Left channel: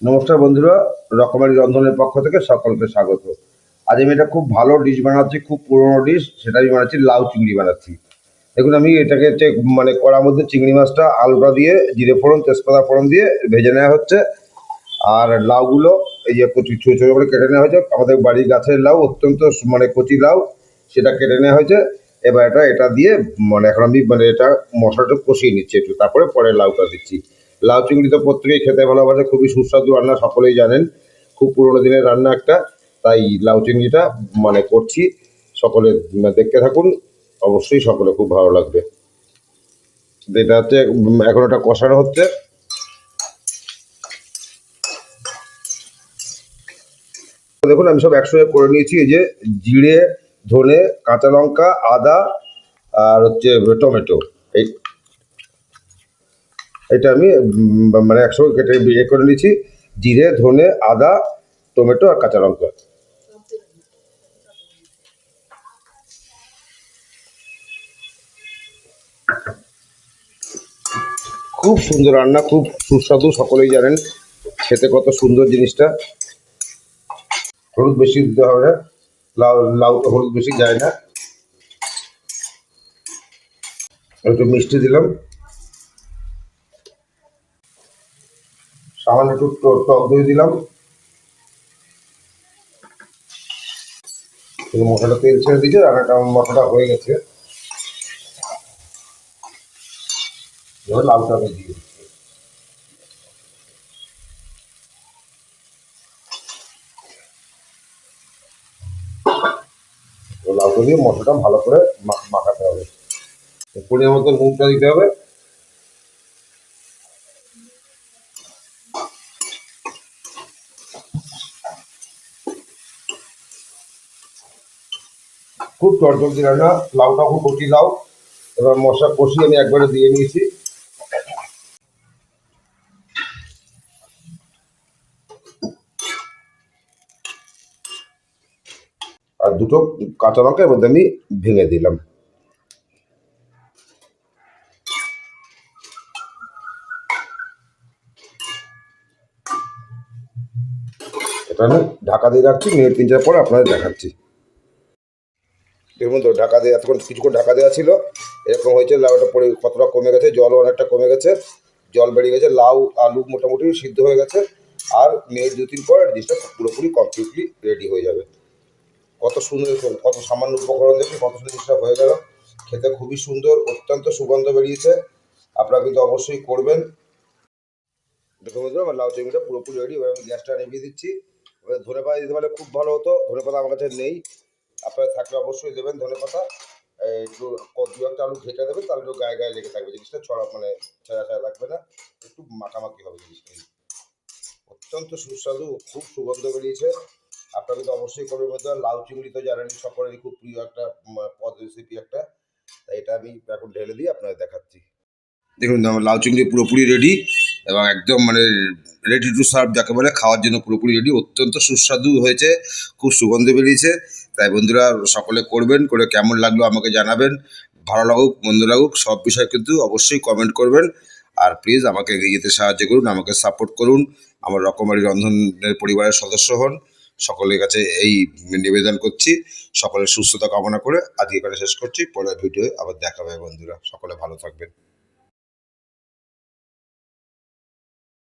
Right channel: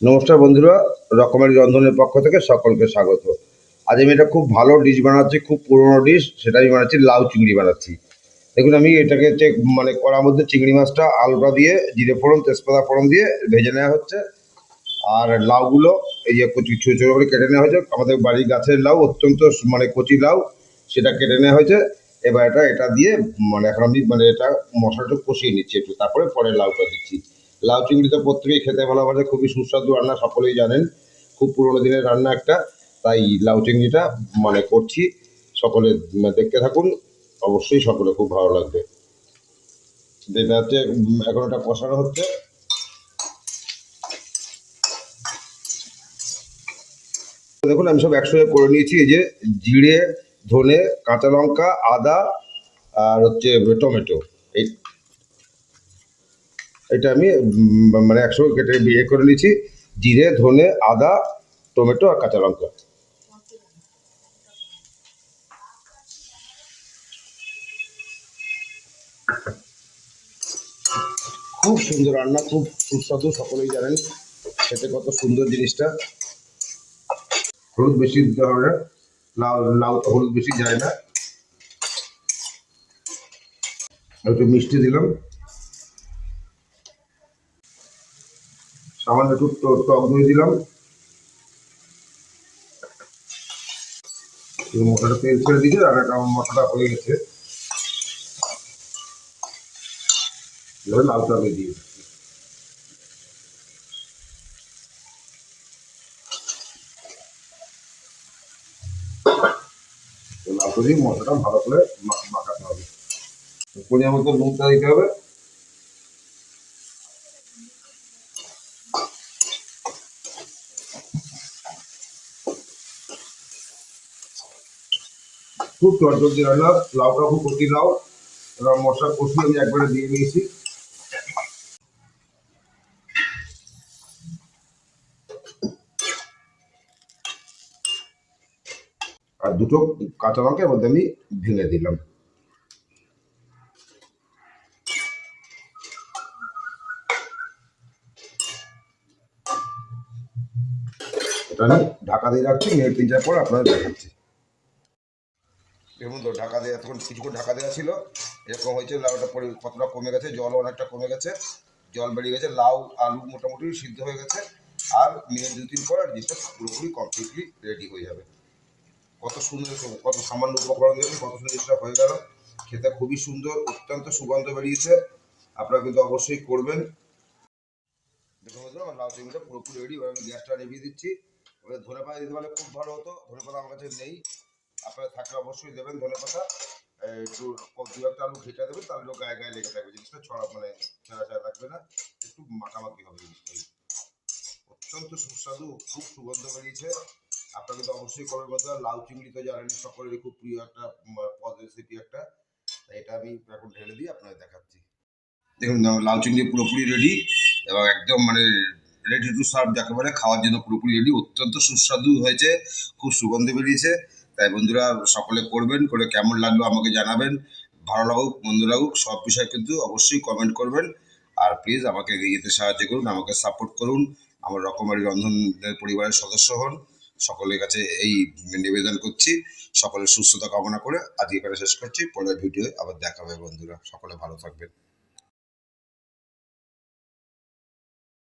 নমস্কার বন্ধুরা, রকমারি রন্ধনের পক্ষ থেকে সকলকে স্বাগত। আজ আমি এটা খুব ভালো ডিশ বানাচ্ছি, খুব পুরনো ডিশ। সেটা আমি বানাচ্ছি, লাউ চিংড়ি বানাচ্ছি। দেখুন, আমি এটাকে মানে কড়ার মধ্যে চিংড়ি মাছটা আলুটা দিয়ে জিরে ফোড়ন তেজপাতা ফোড়ন দিয়ে ভেজে নেওয়া হচ্ছে। আর লাউগুলো এই যে কচি ছোটো ছোটো করে কেটে নেওয়া হয়েছে। আমাদের বাড়ির গাছের লাউ, অত্যন্ত মানে কচি লাউ, সেটা কেটে নেওয়া হয়েছে। এবার এটা দিয়ে মানে এখন আমি মানে এটা মশলাটা কষিয়ে নিচ্ছি একটু, তারপরে পরে লাউটা দিচ্ছি। লাউ চিংড়ি তো প্রত্যেকেই খেতে ভালোবাসে, খুবই সুস্বাদু রান্না, সকলেই জানেন। খুব পুরোনো দিনের রান্না একটা। তাই লাউ চিংড়িটা মানে করছি। সকলে দেখতে থাকুন, অবশ্যই সকলে খুব ভালো লাগবে। এটা হচ্ছে এখন এটা কষানো হচ্ছে। দেখুন, আমি সব একসঙ্গে করে নিয়েছি। এই যে জিরে, ধনে, কাঁচা লঙ্কা, আদা আর হচ্ছে টমেটো। এই এটা আমি মানে একসঙ্গে কেটে বিয়ে করে নিয়েছি। জিরে, ধনে, আদা, টমেটো আর কাঁচা লঙ্কা। খুব সুন্দর রান্না, খুব সুস্বাদু, সকলেই জানেন খেতে কত সুন্দর জিনিসটা। হলুদ বেশি দিতে হবে না, লাউ তো হলুদ বেশি যায় না। একটু মিষ্টি দিলাম, সামান্য একটু টক দই দিলাম। মশলাটা তেল ছেড়ে দিয়েছে, রান্নাটা মশলাটা হয়ে গেছে। এবার লাউটা আমি দিয়ে দিচ্ছি। লাউটা দিয়ে মশলাটা ভালো করে মাখাতে হবে। পরিমাণ মতো নুনটা দিতে হবে। খুব চটজলদি রান্না, লাউটা খুব কচি লাউ। এবার মশলা কষিয়ে আমি একবারে দিয়ে নিয়েছি। আর দুটো কাঁচা লঙ্কা এর মধ্যে আমি ভেঙে দিলাম। এটা আমি ঢাকা দিয়ে রাখছি, মিনিট 3-4 পর আপনাদের দেখাচ্ছি। দেখুন তো, ঢাকা দিয়ে এতক্ষণ কিছুক্ষণ ঢাকা দেওয়া ছিল। এরকম হয়েছে, লাউটা পরে কতটা কমে গেছে, জলও অনেকটা কমে গেছে, জল বেরিয়ে গেছে, লাউ আলু মোটামুটি সিদ্ধ হয়ে গেছে। আর মিনিট 2-3 পর জিনিসটা পুরোপুরি কমপ্লিটলি রেডি হয়ে যাবে। কত সুন্দর, কত সামান্য উপকরণ দেখে কত সুন্দর জিনিসটা হয়ে গেল। খেতে খুবই সুন্দর, অত্যন্ত সুগন্ধ বেরিয়েছে। আপনারা কিন্তু অবশ্যই করবেন। দেখুন বন্ধুরা, আমার লাউ চিংড়িটা পুরোপুরি রেডি। এবার আমি গ্যাসটা নিভিয়ে দিচ্ছি। এবার ধনে পাতা দিতে পারলে খুব ভালো হতো, ধনে পাতা আমার কাছে নেই। আপনারা থাকলে অবশ্যই দেবেন ধনে পাতা। একটু দু একটা আলু ঘেটে দেবেন, তাহলে একটু গায়ে গায়ে লেগে থাকবে, জিনিসটা ছড়া মানে ছেঁড়া ছেঁড়া লাগবে না। একটু মাখামাখি হবে জিনিসটা। অত্যন্ত সুস্বাদু, খুব সুগন্ধ বেরিয়েছে। আপনারা কিন্তু অবশ্যই করবেন বন্ধুরা। লাউ চিংড়ি তো জানেন সকলেরই খুব প্রিয় একটা পদ, রেসিপি একটা। তাই এটা আমি এখন ঢেলে দিয়ে আপনাদের দেখাচ্ছি। দেখুন, আমার লাউ চিংড়ি পুরোপুরি রেডি এবং একদম মানে রেডি টু সার্ভ যাকে বলে, খাওয়ার জন্য পুরোপুরি রেডি। অত্যন্ত সুস্বাদু হয়েছে, খুব সুগন্ধ বেরিয়েছে। তাই বন্ধুরা সকলে করবেন, করে কেমন লাগলো আমাকে জানাবেন। ভালো লাগুক মন্দ লাগুক, সব বিষয় কিন্তু অবশ্যই কমেন্ট করবেন। আর প্লিজ আমাকে এগিয়ে যেতে সাহায্য করুন, আমাকে সাপোর্ট করুন। আমার রকমারি রন্ধনের পরিবারের সদস্য হন। সকলের কাছে এই নিবেদন করছি। সকলের সুস্থতা কামনা করে আজকে এখানে শেষ করছি। পরের ভিডিওয়ে আবার দেখা হবে বন্ধুরা, সকলে ভালো থাকবেন।